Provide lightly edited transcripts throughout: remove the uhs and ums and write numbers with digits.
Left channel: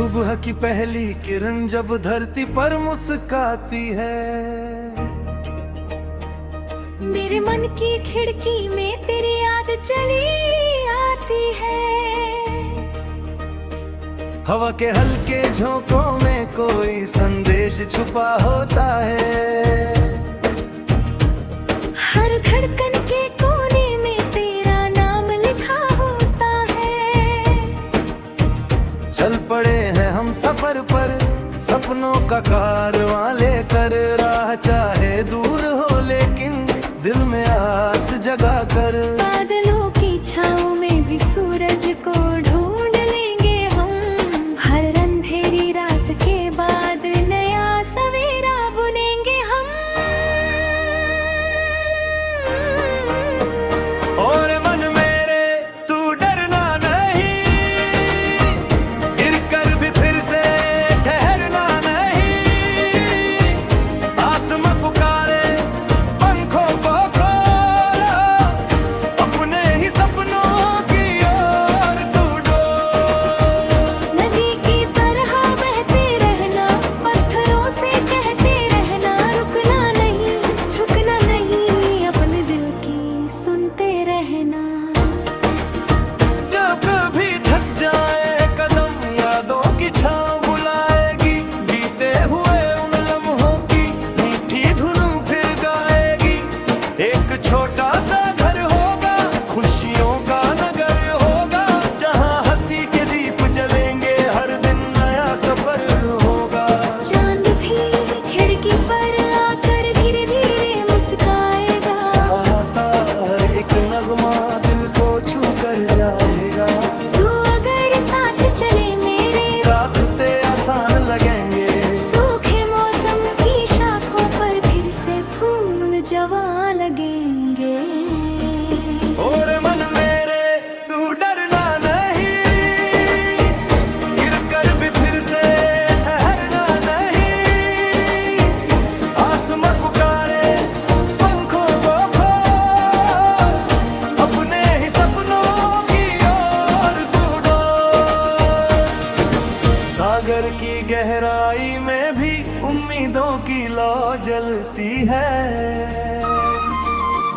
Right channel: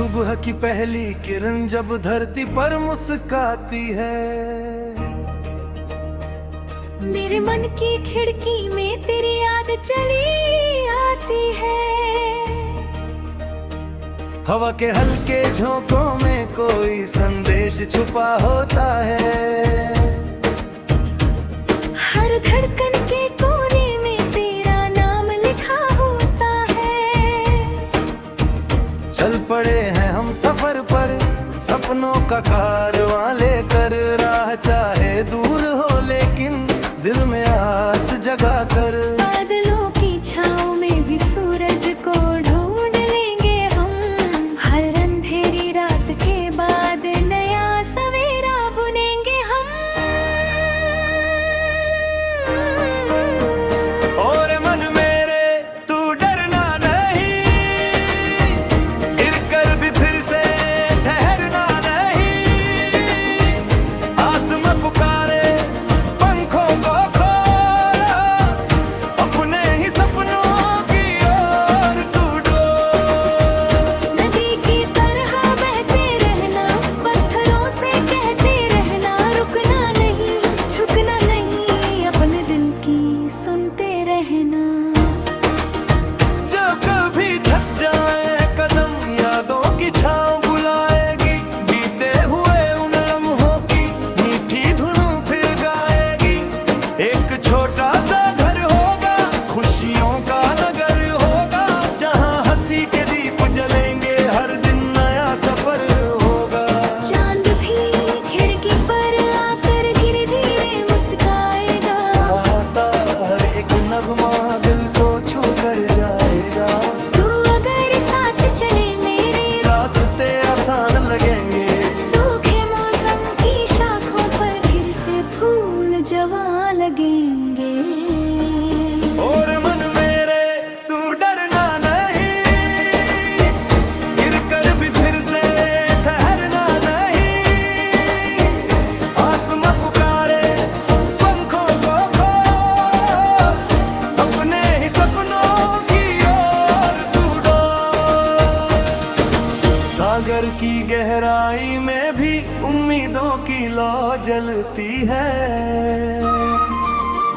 सुबह की पहली किरण जब धरती पर मुस्काती है, मेरे मन की खिड़की में तेरी याद चली आती है। हवा के हल्के झोंकों में कोई संदेश छुपा होता है, हर धड़कन के कोने में तेरा नाम लिखा होता है। चल पड़े हैं हम सफर पर, सपनों का कारवां लेकर, राह चाहे दूर हो लेकिन दिल में आस जगा कर। बादलों की छाँव में भी सूरज को ढूंढ लेंगे हम, हर अंधेरी रात के बाद नया सवेरा बुनेंगे हम। और मन मेरे तू डरना नहीं, गिरकर भी फिर से ठहरना नहीं। आसमां पुकारे पंखों को खोलो, अपने ही सपनों की ओर तू डोल। नदी की तरह बहते रहना, पत्थरों से कहते रहना, रुकना नहीं झुकना नहीं, अपने दिल की सुनते रहना। जब कभी थक जाए कदम, यादों की छाँव बुलाएगी, बीते हुए उन लम्हों की मीठी धुन फिर गाएगी। एक छोटा सा घर होगा, खुशियों का नगर होगा, जहाँ हंसी के दीप जलेंगे, हर दिन नया सफर होगा। चांद भी खिड़की पर आकर धीरे धीरे मुस्काएगा, आता हर एक नगमा दिल को छू कर जाएगा। तू अगर साथ चले मेरे, रास्ते आसान लगेंगे, सूखे मौसम की शाखों पर फिर से फूल जवां लगेंगे। और मन मेरे तू डरना नहीं, गिरकर भी फिर से ठहरना नहीं। आसमां पुकारे पंखों को खोल, अपने ही सपनों की ओर तू डोल। सागर की गहराई में भी उम्मीदों की लौ जलती है,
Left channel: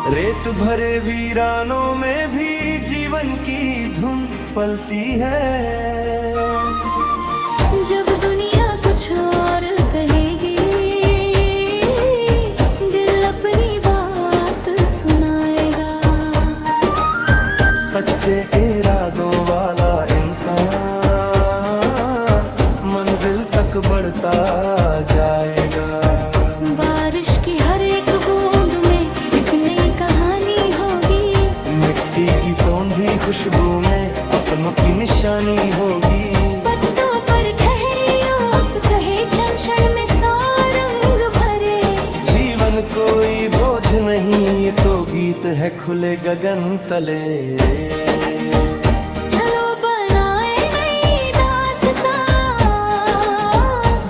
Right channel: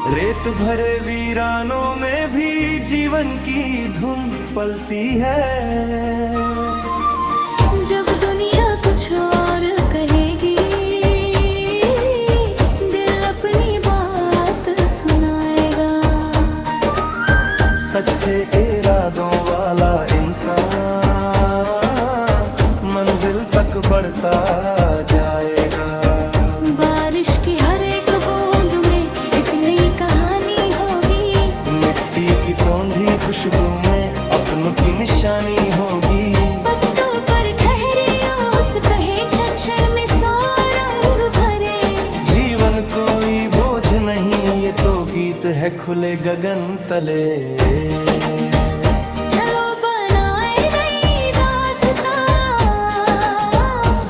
रेत भरे वीरानों में भी जीवन की धुन पलती है। जब दुनिया कुछ और कहेगी, दिल अपनी बात सुनाएगा। सच्चे इरादों वाला इंसान मंजिल तक बढ़ता जाएगा। बारिश की हर एक बूंद में एक नई कहानी होगी, मिट्टी की सौंधी खुशबू में अपनों की निशानी होगी। पत्तों पर ठहरी ओस कहे क्षण क्षण में सौ रंग भरे। जीवन कोई बोझ नहीं, ये तो गीत है खुले गगन तले। चलो बनाए नई दास्तां,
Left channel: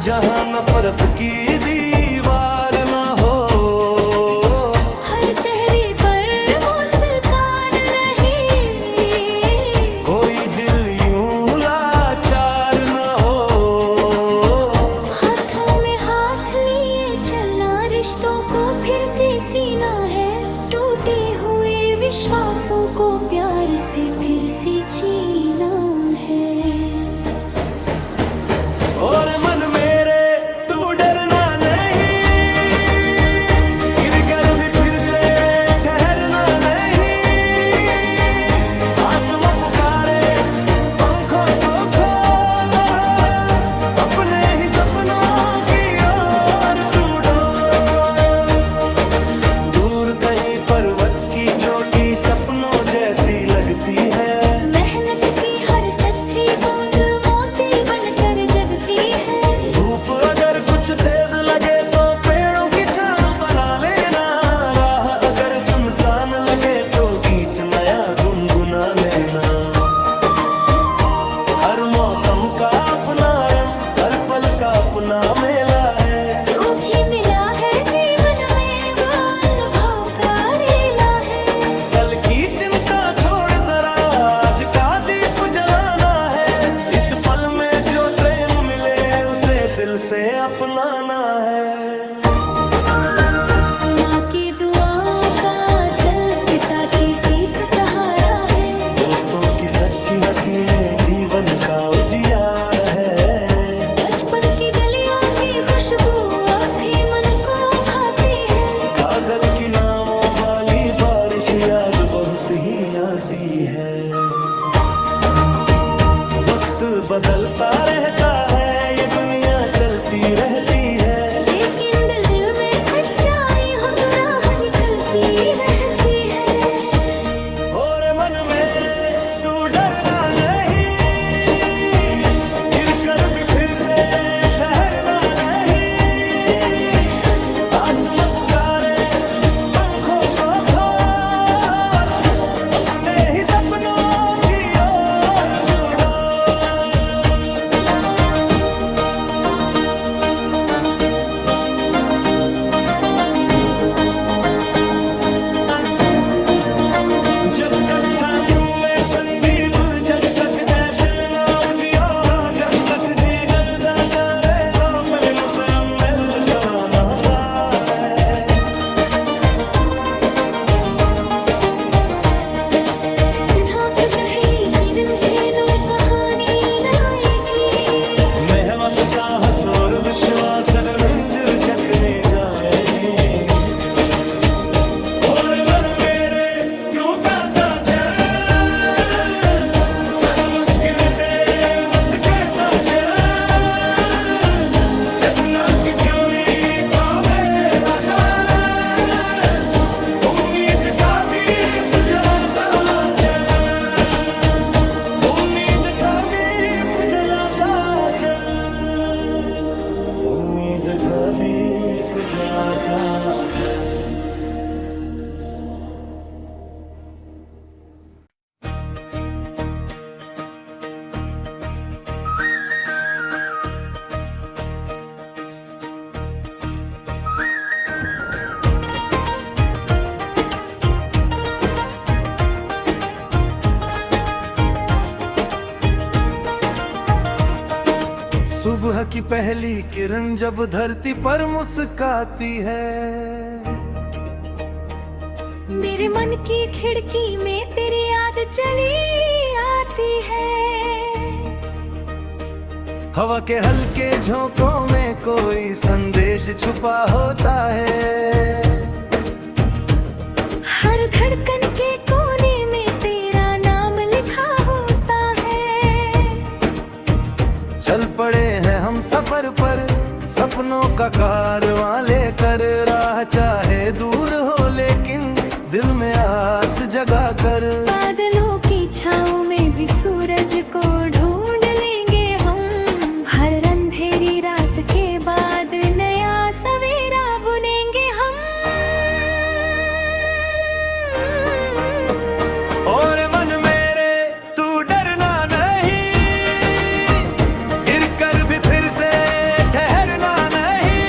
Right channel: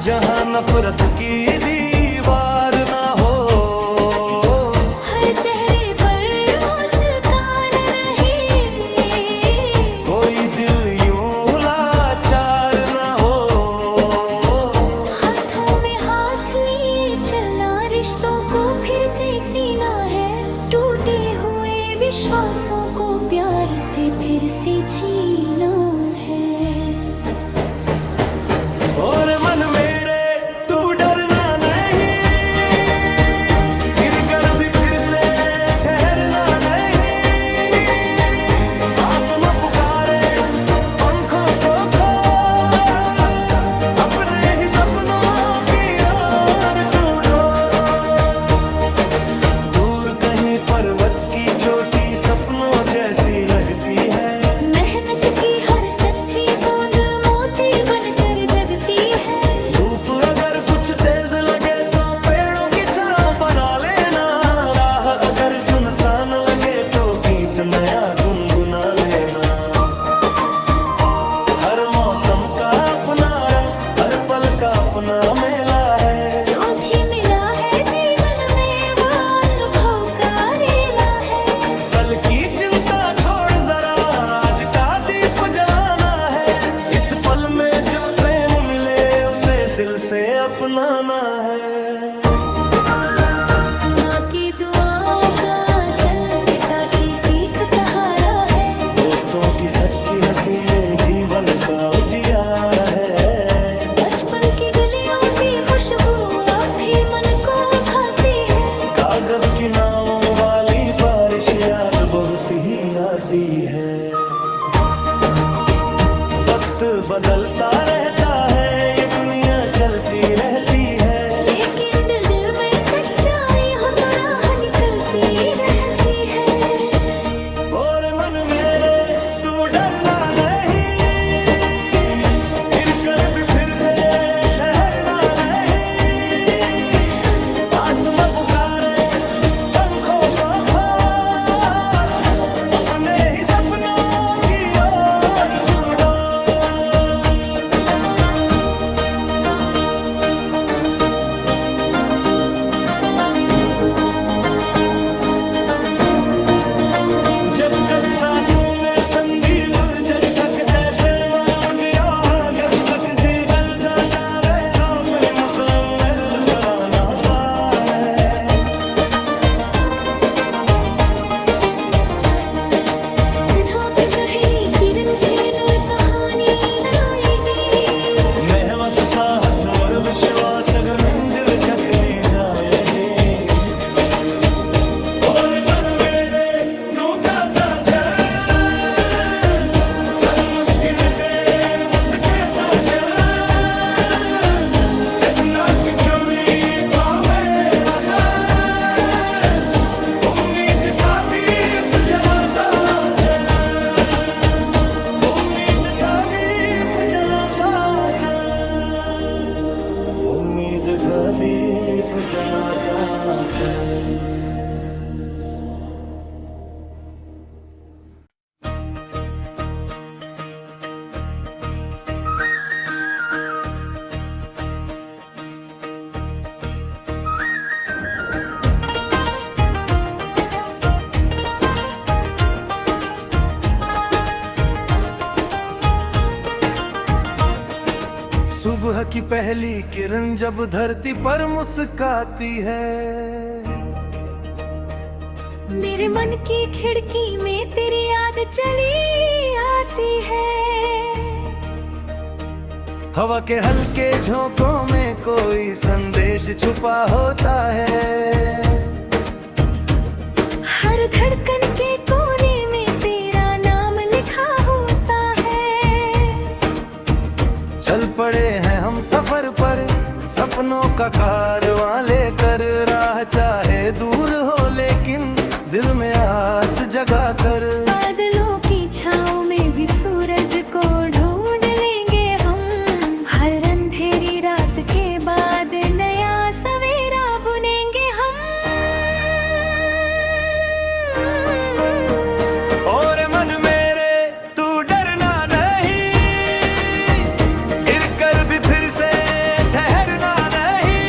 जहाँ नफरत की दीवार ना हो, हर चेहरे पर मुस्कान रही, कोई दिल यूं लाचार ना हो। हाथों में हाथ लिए चलना, रिश्तों को फिर से सीना है, टूटे हुए विश्वासों को प्यार से फिर से जीना है। और मन मेरे तू डरना नहीं, गिरकर भी फिर से ठहरना नहीं। आसमां पुकारे पंखों को खोल, अपने ही सपनों की ओर तू डोल। दूर कहीं पर्वत की चोटी सपनों जैसी लगती है, मेहनत की हर सच्ची बूंद मोती बनकर जगती है। धूप अगर कुछ तेज लगे तो पेड़ों की छांव बना लेना, राह अगर सुनसान लगे तो गीत नया गुनगुना लेना। हर मौसम का अपना रंग, हर पल का अपना मेला है, जो भी मिला है जीवन में वो अनुभव का रेला है। कल की चिंता छोड़ जरा आज का दीप जलाना है, इस पल में जो जो प्रेम मिले उसे दिल से अपनाना है। माँ की दुआओं का चल, पिता की सीख सहारा है। दोस्तों की सच्ची हंसी में जीवन का उजियार है। बचपन की गलियों की खुशबू अब भी मन को भाती है। कागज की नावों वाली बारिश याद बहुत ही आती है। वक्त बदलता रहता है, ये दुनिया चलती रहती है, लेकिन दिल दिल में सच्चाई हो तो राह निकलती रहती है। और मन मेरे तू डरना नहीं, गिर कर भी फिर से ठहरना नहीं। आसमां पुकारे पंखों को खोल, अपने ही सपनों की ओर तू डोल। जब तक सांसों में संदीप, जब तक ऐतमा उजिया, जब तक जी जलदा तारे दो पल मुतअम्मिर कराना तारे। सिद्धार्थ कहे किरण खेलो कहानी न आएगी। मेहनत साहस और विश्वास अगर मंजिल तक ले जाएगी। और मन मेरे यूं गाता चल, हर मुश्किल से मस्केता चल। सपना की जोई था मेरा दिल, उम्मीद का दीप जलाता चल, उम्मीद का दीप जलाता चल, उम्मीद का दीप जलाता चल। सुबह की पहली किरण जब धरती पर मुस्काती है, मेरे मन की खिड़की में तेरी याद चली आती है। हवा के हल्के झोंकों में कोई संदेश छुपा होता है। हर धड़कन के कोने में तेरा नाम लिखा होता है। चल पड़े हैं हम सफर पर, सपनों का कारवां लेकर। राह चाहे दूर हो लेकिन दिल में आस जगा कर। बादलों की छाँव में भी सूरज को ढूंढ लेंगे हम। हर अंधेरी रात के बाद नया सवेरा बुनेंगे हम। और मन मेरे तू डरना नहीं, गिर कर भी फिर से ठहरना नहीं।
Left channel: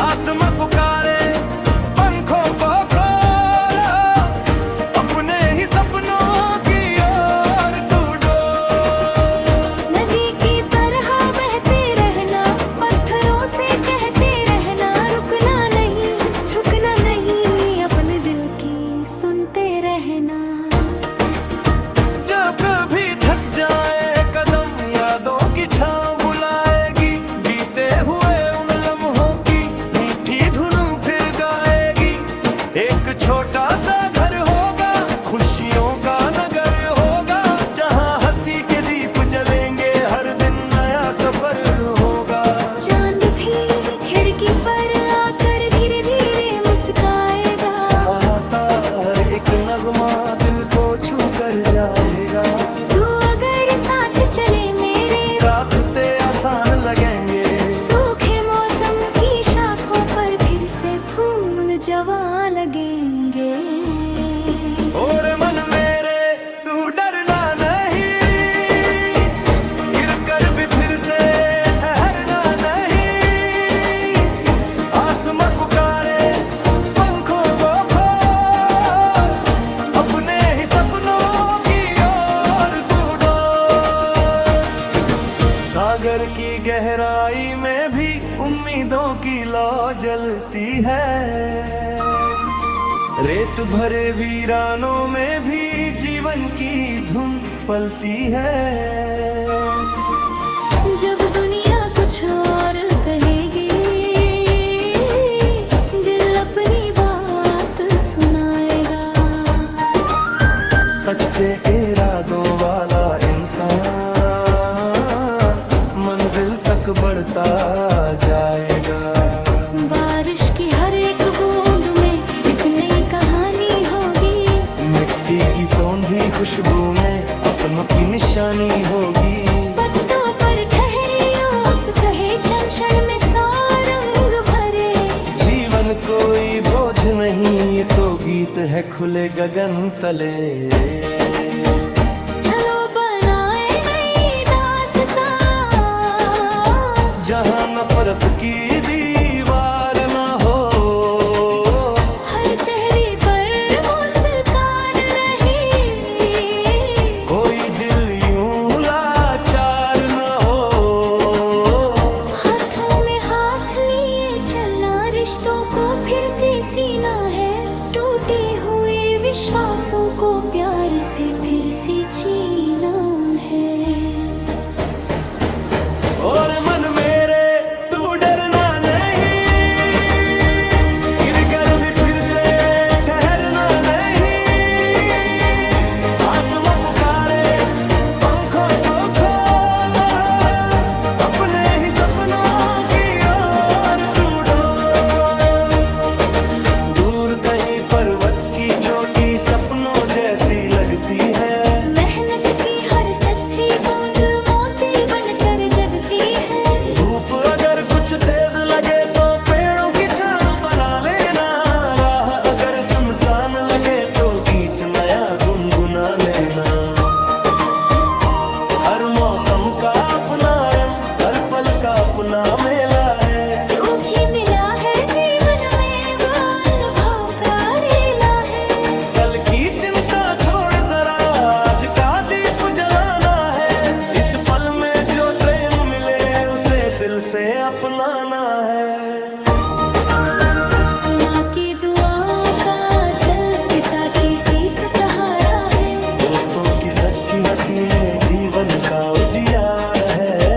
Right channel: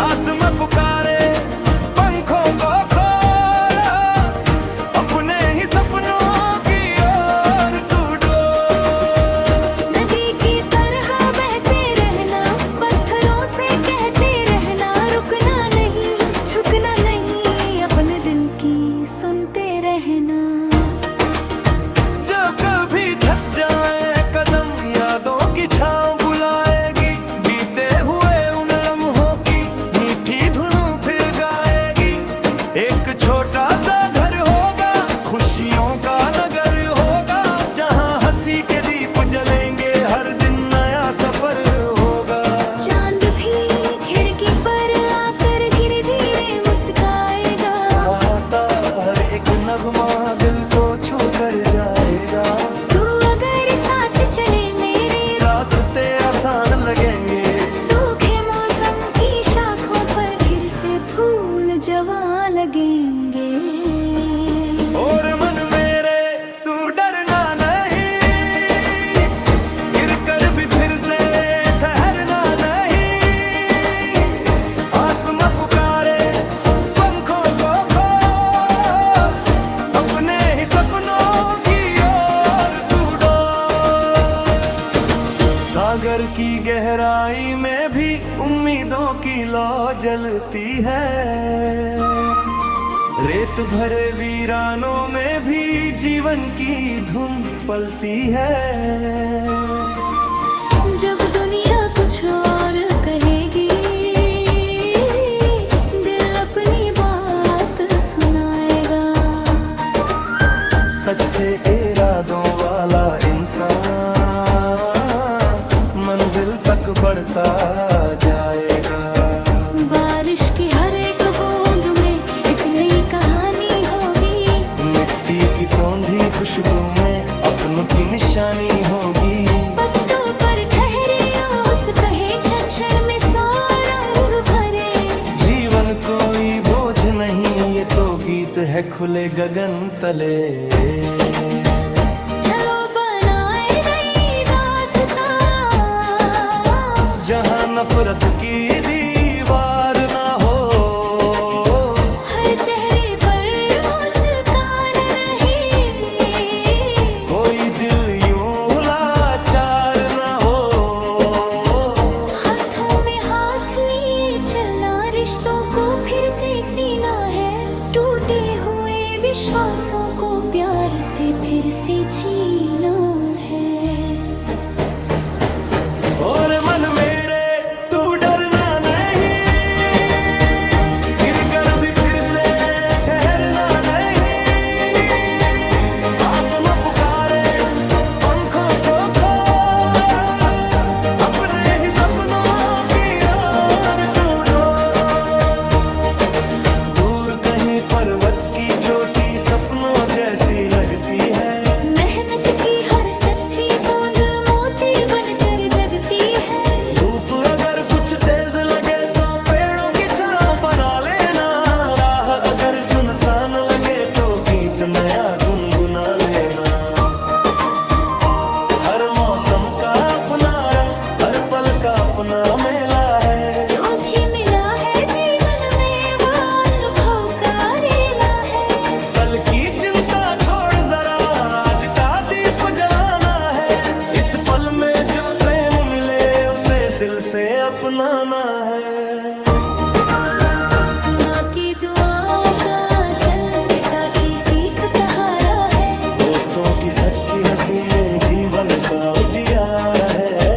आसमां पुकारे पंखों को खोलो, अपने ही सपनों की ओर तू डोल। नदी की तरह बहते रहना, पत्थरों से कहते रहना। रुकना नहीं, झुकना नहीं, अपने दिल की सुनते रहना। जब कभी थक जाए कदम, यादों की छाँव बुलाएगी। बीते हुए उन लम्हों की मीठी धुन फिर गाएगी। एक छोटा सा घर होगा, खुशियों का नगर होगा, जहाँ हंसी के दीप जलेंगे, हर दिन नया सफर होगा। चांद भी खिड़की पर आकर धीरे धीरे मुस्काएगा। आता हर एक नगमा दिल को छू कर जाएगा। तू अगर साथ चले मेरे, रास्ते आसान लगेंगे। सूखे मौसम की शाखों पर फिर से फूल जवां लगेंगे। और मन मेरे तू डरना नहीं, गिर कर भी फिर से ठहरना नहीं। आसमां पुकारे पंखों को खोल, अपने ही सपनों की ओर तू डोल। सागर की गहराई में भी उम्मीदों की लौ जलती है। रेत भरे वीरानों में भी जीवन की धुन पलती है। जब दुनिया कुछ और कहेगी, दिल अपनी बात सुनाएगा। सच्चे इरादों वाला इंसान मंजिल तक बढ़ता जाएगा। बारिश की हर एक बूंद में एक नई कहानी होगी। मिट्टी की सौंधी खुशबू में अपनों की निशानी होगी। पत्तों पर ठहरे ओस कहे, क्षण क्षण में सौ रंग भरे। जीवन कोई बोझ नहीं, ये तो गीत है खुले गगन तले। चलो बनाए नई दास्तां, जहाँ नफरत की दीवार ना हो। हर चेहरे पर मुस्कान रही, कोई दिल यूं लाचार ना हो। हाथों में हाथ लिए चलना रिश्तों को फिर से सीना है। टूटे हुए विश्वासों को प्यार से फिर से जीना है। और मन मेरे तू डरना नहीं, गिर भी फिर से ठहरना नहीं। आसमां पुकारे पंखों को खोल, अपने ही सपनों की ओर तू डोल। दूर कहीं पर्वत की चोटी सपनों जैसी लगती है। मेहनत की हर सच्ची बूंद मोती बनकर जगती है। धूप अगर कुछ तेज लगे तो पेड़ों की छांव बना लेना। राह अगर सुनसान लगे तो गीत नया गुनगुना लेना। हर मौसम का अपना रंग, हर पल का अपना मेला है। जो भी मिला है जीवन में वो अनुभव का रेला है। कल की चिंता छोड़ जरा आज का दीप जलाना है। इस पल में जो प्रेम मिले उसे दिल से अपनाना है। माँ की दुआओं का चल, पिता की सीख सहारा है। दोस्तों की सच्ची हंसी में जीवन का उजियारा है।